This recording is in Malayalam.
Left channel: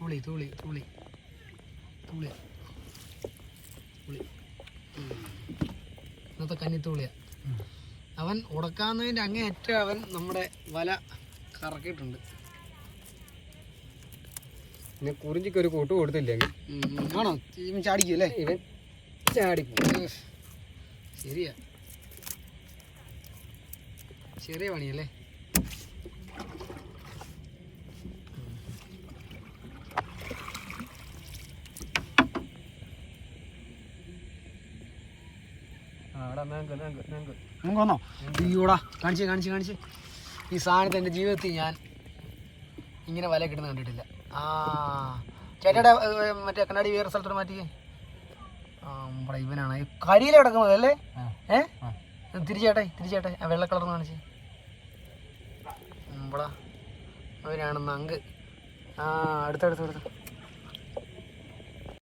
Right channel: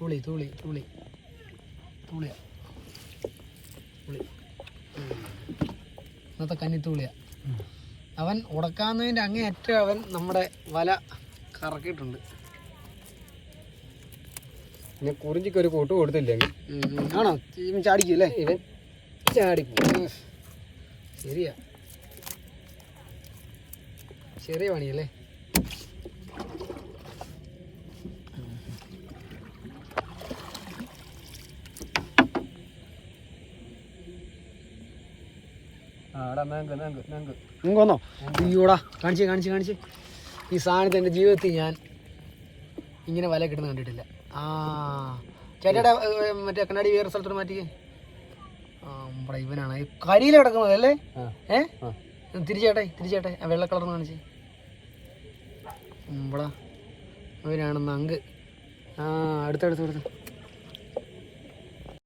തൂളി തുളി തുളി. തുളിയ. തുളി. ഇന്നത്തെ കന്നിത്തൂളിയ അവൻ ഉടക്കാവുന്നതിന്റെ അങ്ങേയറ്റം അവൻ നമ്മുടെ വല കറക്കിയിട്ടുണ്ട്. പിന്നെ കുറിഞ്ചിക്ക് ഒരു കൂട്ട് കൊടുത്തില്ലേ ആണോ? ഇവൻ ചാടിക്കും അല്ലേ? ഇവൻ ചാടിപ്പോ. ശരിയാ. ചെറിയ പണിയല്ലേ? വന്നോ? അയ്യോടാ കാണിച്ച് കാണിച്ച് കാണിച്ച്. ഈ സാധനത്തെ എന്റെ ജീവിതത്തിൽ ഞാൻ ഇങ്ങനെ വല കിട്ടുന്ന കണ്ടിട്ടില്ല. ആ ചേട്ടാ മറ്റേ കണ്ണാടി വേറെ സ്ഥലത്തോട്ട് മാറ്റിക്കേ. ഇവനാണ്. കടിയിൽ കിടക്കുന്നത് അല്ലേ? ഏഹ്. തിരിച്ചേട്ടെ തിരിച്ചേട്ടെ. ആ വെള്ള കളർ കാണിച്ച്. നമ്മളാ അവനാണ് നങ്ക്. ആ അടുത്തടുത്ത് അടുത്ത്.